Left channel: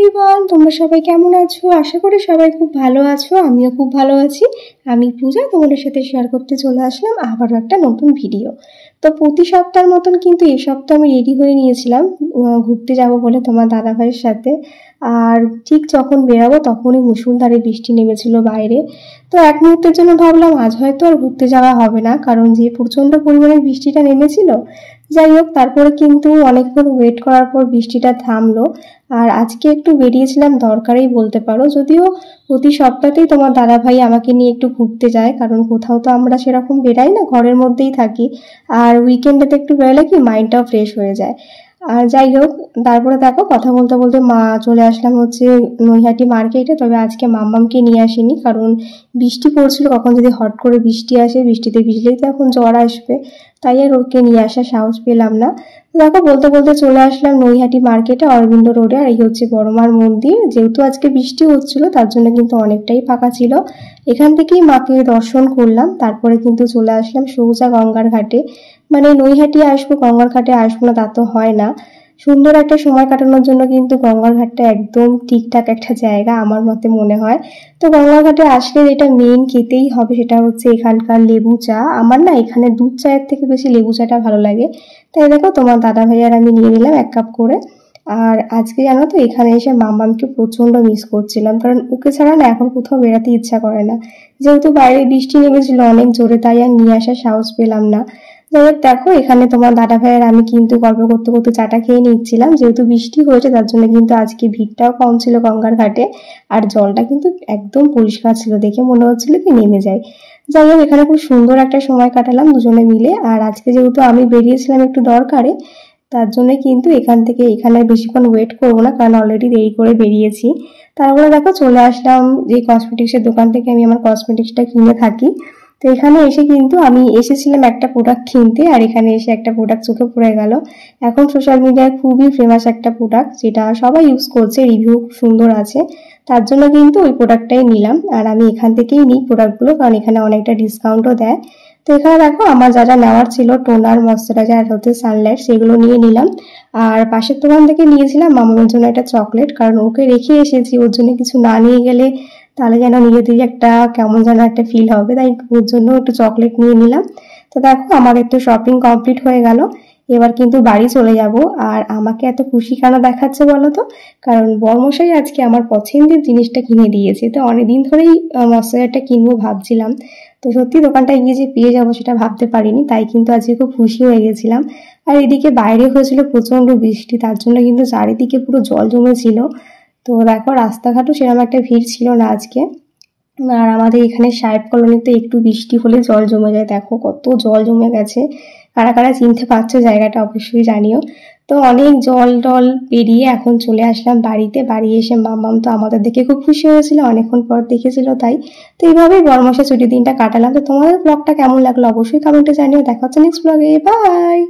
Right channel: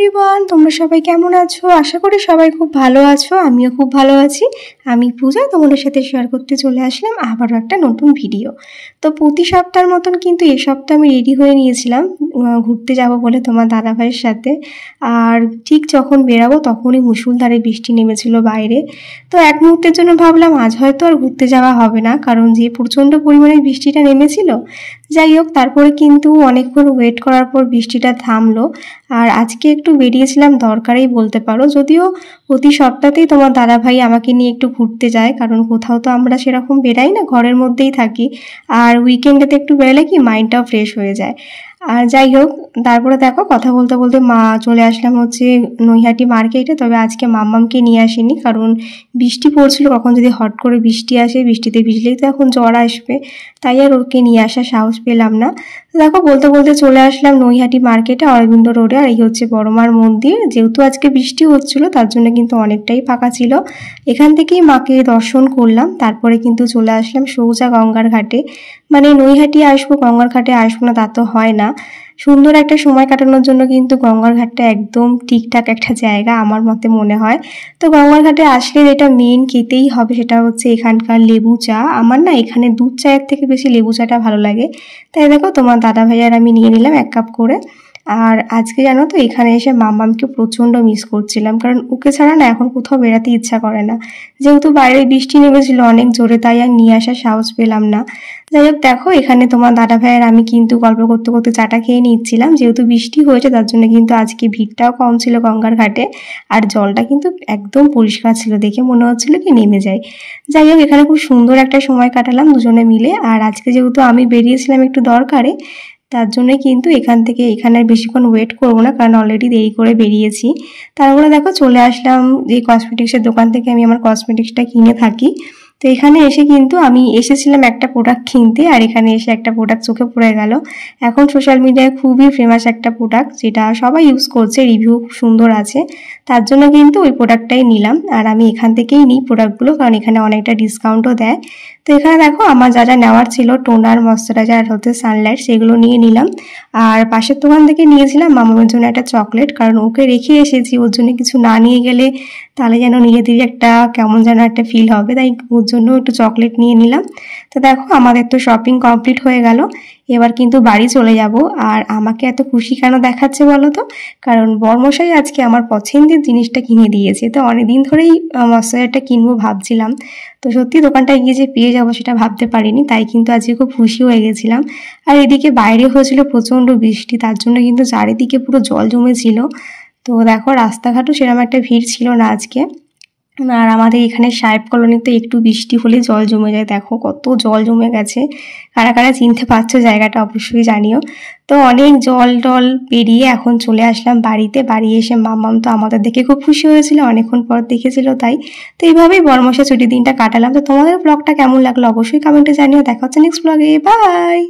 Everyone, তোমরা সবাই কেমন আছো? আশা করি সবাই খুব ভালো আছো। আমিও খুব ভালো আছি। আমি পূজা তোমাদের সাথে শেয়ার করতে চলে আসলাম আবারও একটা নতুন ভিডিও। তো প্রতি সপ্তাহের মতন কিন্তু এই সপ্তাহে আমি রেডি হয়ে নিয়েছিলাম ঘুরতে যাব বলে তোমার দাদাভাইয়ের সাথে। আর ঠিক যখন বেরাবো তখনই মুষলধারে বৃষ্টি নেমেছিল বাইরে। তো এক মুহূর্তের জন্য ভাবলাম আজ হয়তো আর ঘুরতে যাওয়া হবে না, কারণ যে প্রচণ্ড পরিমাণে বৃষ্টিটা নেমেছিল। যাই হোক, তারপরে কিন্তু অনেকক্ষণ ওয়েট করার পর বৃষ্টিটা থামলো। আর আজকে একটু বেরিয়েছিলাম দরকারেই বলতে পারো, যদিও প্রতি সপ্তাহতেই তোমার দাদাভাই আমাকে নিয়ে একটু ঘুরতে যায়, কারণ কোথাও তো আমরা সেরকম বেরাই না, ঘরের মধ্যেই থাকি। আর উইকেন্ডেতে একটু বেরোলে কি মাইন্ডটাও ফ্রেশ হয়ে যায়। আর যাই হোক, তারপরে দেখো কথা বলতে বলতে চলে আসলাম হচ্ছে নৈহাটি মার্কেটে। তবে আজকে মাম্মামকে নিয়ে আসিনি, কারণ বৃষ্টি পড়ছিল, কখন যদি হট করে বৃষ্টি আসে, বৃষ্টিতে ভিজলেই তো এখন জ্বর আসবে, তাই আর ওকে নিয়ে আসার সাহস পেলাম না। দেখো বলতে বলতে চলে আসলাম নৈহাটি মার্কেটে, অরবিন্দ রোডে। আর এই হচ্ছে বড়মার মন্দির। যেহেতু আজকে বৃষ্টি হচ্ছিল তার জন্য কিন্তু অনেকটাই ফাঁকা ছিল। এখান থেকেই মাকে দর্শন করলাম, তারপরে কিন্তু চলে আসলাম সোজা গঙ্গার ঘাটে। মানে নৈহাটি আসবো, গঙ্গার ঘাটে আসবো না তা তো হয় না। সুন্দর একটা সময় কাটানোর জন্য কিন্তু গঙ্গার ঘাটটা একদম ঠিকঠাক একটা জায়গা আমার মতে মনে হয়। তো গঙ্গার ঘাটে আসলে যেটা মেন খেতেই হবে সেটা হচ্ছে এখানকার লেবু চা। আমার না এখানে দুধ চায়ের থেকে বেশি লেবু চাটা ভালো লাগে। তাই দেখো তোমার দাদা ভাইয়ার আমি নিয়ে নিলাম 1 কাপ করে। আর আজকে জানো তো এখানে এসে মাম্মামকে প্রচণ্ড মিস করছিলাম, কারণ ওকে ছাড়া না এখন কোথাও বেড়াতে ইচ্ছা করে না। যেহেতু বাইরে বৃষ্টি নেমেছিল অনেক জোরে, তাই আর নিয়ে আসার সাহস পেলাম না। যাই হোক, দেখো এখানে তোমার দাদা ভাইয়ের আমি কিন্তু গল্প করতে করতে চাটা খেয়ে নিচ্ছিলাম। যেহেতু বৃষ্টি হয়েছে তার জন্য কিন্তু আজকে ভিড়টাও কম ছিল গঙ্গার ঘাটে। আর জলটা কিন্তু একদম পরিষ্কার ছিল, দেখে মনে হচ্ছিল কি নেমে যায়। যাই হোক, এখানে খুব সুন্দর একটা সময় কাটালাম দুজনে মিলে। আর আজকে যেহেতু আমি বেরিয়েছিলাম একটু দরকারে, তার জন্য কিন্তু এখানে বেশিক্ষণ ওয়েট করবো না, কারণ অলরেডি দেরি করে বেরিয়েছি। তারপরে দেখো চলে আসলাম যে কসমেটিক্সের দোকান থেকে আমি আমার কসমেটিক্সটা কিনে থাকি। তো এখানে এসে কিন্তু আমি এসেছিলাম একটা প্রোডাক্ট কিনতে, আর এখানে এসে একটা প্রোডাক্ট চোখে পড়ে গেল। এখন সোশ্যাল মিডিয়ায় খুবই ফেমাস একটা প্রোডাক্ট, যেটা সবাই ইউজ করছে, রিভিউ খুব সুন্দর আছে। তার জন্য কিন্তু ওই প্রোডাক্টটাই নিলাম। আর আমি এখান থেকেই নিই প্রোডাক্টগুলো, কারণ এখানে অনেকটা ডিসকাউন্টও দেয়। তো এখানে দেখো আমার যা যা নেওয়ার ছিল, টোনার, ময়শ্চারাইজার আর হচ্ছে সানলাইট, সেগুলো নিয়ে নিলাম। আর পাশের দোকান থেকে নিয়েছিলাম মামার জন্য একটা চকলেট, কারণ ওকে রেখে এসেছি, ওর জন্য কিছু না নিয়ে গেলে তাহলে যেন নিজেদেরই একটা কেমন যেন একটা ফিল হবে, তাই ওর জন্য একটু চকলেট নিয়ে নিলাম। তো দেখো আমাদের তো শপিং কমপ্লিট হয়ে গেল। এবার কিন্তু বাড়ি চলে যাব। আর আমাকে এত খুশি কেন দেখাচ্ছে বলো তো? কারণ বরমশাই আজকে আমার পছন্দের জিনিসটা কিনে দিয়েছে। তো অনেকদিন ধরেই ময়শ্চারাইজারটা কিনবো ভাবছিলাম, তো সত্যি দোকানটায় গিয়ে যে পেয়ে যাবো সেটা ভাবতে পারিনি, তাই কিন্তু আজকে খুব খুশি হয়ে গেছিলাম। আর এদিকে বাইরে হয়েছিল প্রচণ্ড বৃষ্টি, তার জন্য কিন্তু চারিদিকে পুরো জল জমেছিল। তো দেখো রাস্তাঘাটও সেরকম একটা ভিড় ছিল না আজকে। আর আমাদের এখানে সাহেব কলোনিতে একটু বৃষ্টি হলে জল জমে যায়, দেখো কত জল জমে গেছে। কারা কারা চিনতে পারছো জায়গাটা অবশ্যই জানিও। তো অনেক জল টল পেরিয়ে এখন চলে আসলাম বাড়িতে। বাড়ি এসে মাম্মাম তো আমাদের দেখে খুব খুশি হয়েছিল, অনেকক্ষণ পর দেখেছিল তাই। তো এইভাবেই বড়মশা ছুটির দিনটা কাটালাম। তো তোমাদের ব্লগটা কেমন লাগলো অবশ্যই কমেন্টে জানিও। দেখা হচ্ছে নেক্সট ব্লগে, বাই।